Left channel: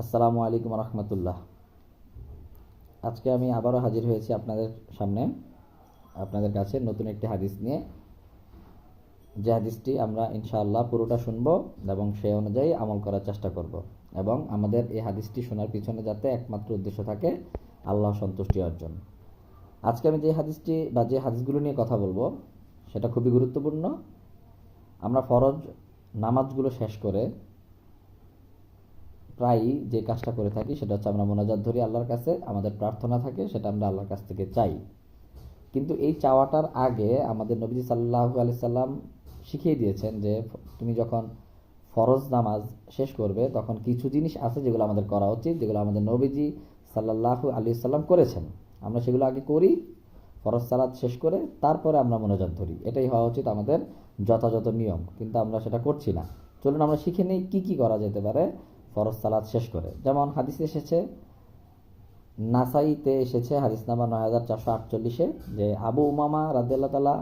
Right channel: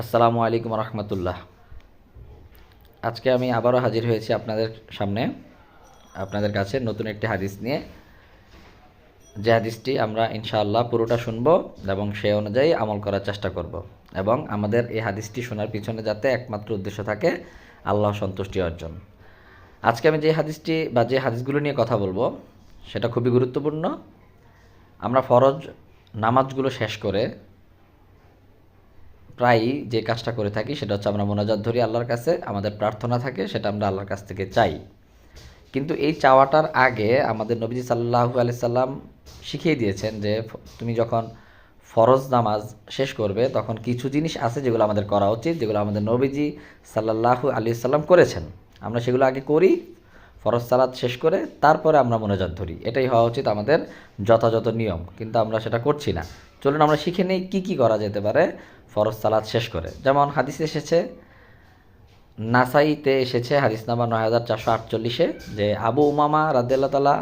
আসসালামু আলাইকুম রহমতুল্লাহ। আজকে আমি আবারও হাজির হয়েছি আপনাদের সামনে। আপনাদের কাছে নতুন একটি হাদিস নিয়ে। যে হাদিসটি আমরা ইনশাআল্লাহ পুরোটা শুনব এবং সেই অনুযায়ী আমল করার চেষ্টা করব এবং আমাদের এই হাদিসটি শোনার পিছনে যাতে একমাত্র উদ্দেশ্য থাকে আল্লাহ সন্তুষ্টি অর্জন। আজকে আমি যে হাদিসটি বা যে হাদিসগুলো নিয়ে কথা বলব, সেটা খুবই গুরুত্বপূর্ণ। আমরা ফরজ নামাজগুলো শেষ করে প্রায়ই যে কাজটা করে থাকি সেটা হচ্ছে আমরা মোনাজাত ধরি আল্লাহর কাছে, আমাদের প্রার্থনা থাকে সেটা আমরা আল্লাহর কাছ থেকে চাই। কিন্তু এই চাওয়াটার আগে আমাদের নবীজি সাল্লাহু আলি সাল্লাম শিখিয়ে দিয়েছেন যে তুমি যখন ফরজ নামাজ শেষ করবে, তখন কিছু জিনিস আছে যেগুলো আমাদের করা উচিত, যেগুলো আমাদের নবীজি সাল্লাহু আলি সাল্লাম করেছেন। আমরা সেগুলো আগে করি, ফরজ সালাদ শেষ করে তারপরে আমরা মোনাজাত ধরি। এটাই হওয়া উচিত আমাদের যথাযথ নিয়ম, কিন্তু আমরা সেটা করছি না। চলুন আমরা শিখে নিই কী কী করা যেতে পারে। ফরজ সালাদ শেষ করে। যেমন হাদিসে এসেছে, নাসাইতে এসেছে হাদিস নাম্বার নয় হাজার চারশো আটচল্লিশে, যে আবু উমামা রাদিয়াল্লাহ তালা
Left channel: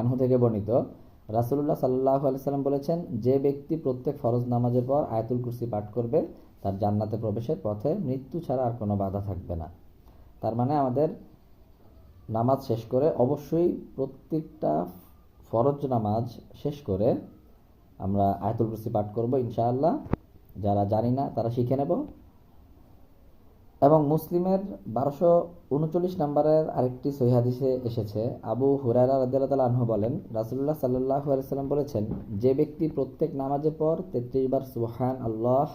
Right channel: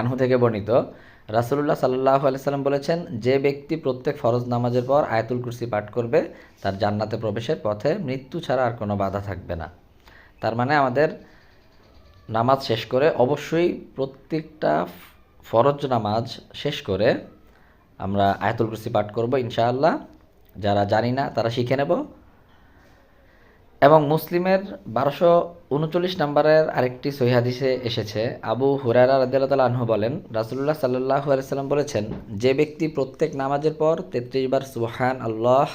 আনহু থেকে বর্ণিত, রাসুলুল্লাহ সাল্লাহ আলাইসাল্লাম বলেছেন, যে ব্যক্তি প্রত্যেক ফরজ নামাজের পর আয়াতুল কুরসি পাঠ করবে, তার জান্নাতে প্রবেশের পথে মৃত্যু ছাড়া আর কোনো বাধা থাকবে না। তার মানে আমাদের নামাজ শেষ করে অবশ্যই প্রত্যেকটা ফরজ নামাজ শেষ করে আমরা আয়াতুল কুরসি পাঠ করব ইনশাআল্লাহ। যারা জানি না, তারা শিখে নেব। এবং মুসলিমের বারোশো উনচল্লিশ নম্বরের আরেকটি সহিহাদিসে এসেছে, আবু হুরারা রাদিয়াল্লাহু আনহু বলেন রাসুল্লাহ সাল্লাহ আলাইসাল্লাম বলেছেন, যে ব্যক্তি প্রত্যেক নামাজের পর তেত্রিশ বার সুবহান আল্লাহ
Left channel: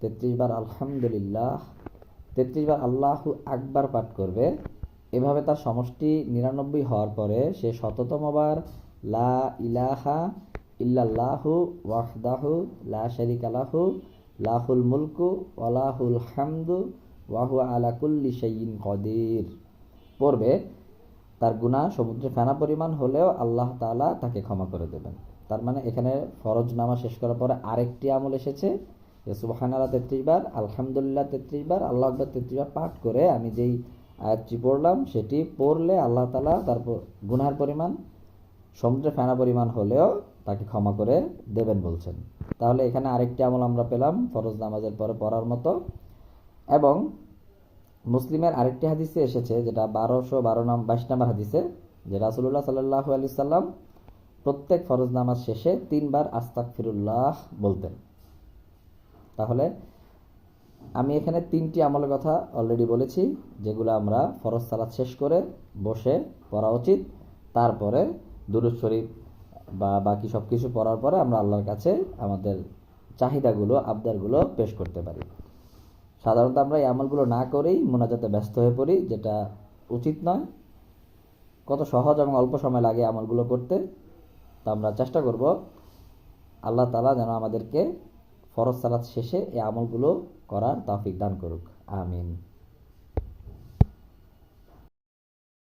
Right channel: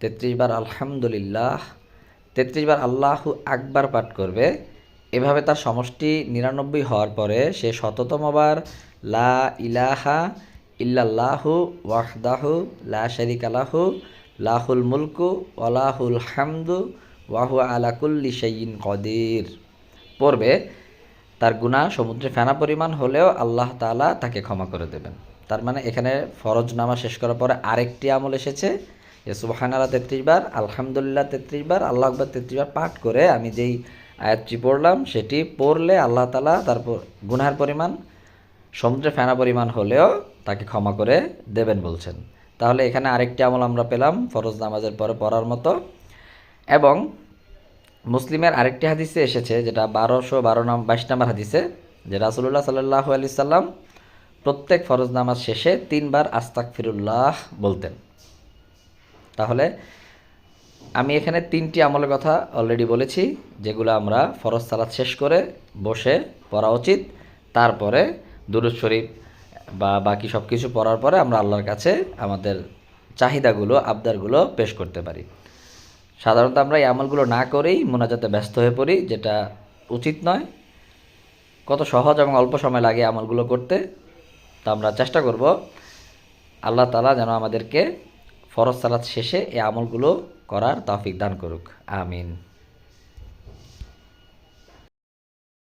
তেত্রিশ বার আলহামদুলিল্লাহ, তেত্রিশ বার আল্লাহু আকবার পাঠ করবে, এভাবে তার সমষ্টি নিরানব্বই হওয়ার পরে সে শততম শততমবার লা ইলাহা ইল্লাল্লাহু ওয়াহদাহু লা শারিকা লাহু, লাহুল মুলকু ওয়ালাহুল হামদু ওয়াহু আলা কুল্লি শাইইন কদির। পড়বে, তার গুনাহ সমুদ্রে ফেনা পরিমাণ হলেও আল্লাহ তাআলা তাকে ক্ষমা করে দেবেন। তার মানে এখানে ফরজ নামা শেষ করার পরে আরেকটি আমল এসেছে। যে সুবাহান আল্লাহ তেত্রিশ বার, আলহামদুলিল্লাহ তেত্রিশ বার, আল্লাহ আকবর তেত্রিশ বার পাঠ করে আমি যেই আয়াতটি পড়লাম, সেটি পড়লে আল্লাহ তালা তারপর গুনার পরিমাণ সমুদ্রে ফেনা পরিমাণ হলেও তাকে ক্ষমা করে দেবেন বলছেন। তাহলে এখানে আরেকটি আমল আমরা পেলাম, ফরজ নামাজের পরে পড়ার মতো। এবং মুসলিমের আরেকটি হাদিসে এসেছে, যেটা বারোশো বারো নাম, বাইশ নম্বর হাদিসে, যে রাসুল্লাহ সাল্লাহ আলি সাল্লাম প্রত্যেক ফরজ নামাজ শেষে তিনবার আস্তাক ফিরুল্লাহ বলতেন। তাহলে আমি এখানে তিনটি আমলের কথা অলরেডি বলেছি, যেগুলো আমরা ফরজ সালাত শেষ করে বসে পড়া উচিত। তারপরে দুরুদ শরীফ বা বাকি সব কিছু পড়ার পরে আমরা আল্লাহর কাছে আমাদের চাহিদাগুলো, আবদারগুলো পেশ করতে পারি। সাধারণত আমরা এই আমলগুলো না করেই মোনাজাতে ব্যস্ত হয়ে পড়ি, যেটা উচিত নয়। কত সহজ এবং অল্প সময় লাগে আমলগুলো করতে। তো আমরা চেষ্টা করব আল্লাহ তালা যেন আমাদেরকে ফরজ সালাত শেষে এই আমলগুলো করার তৌফিক দান করুক। আমিন।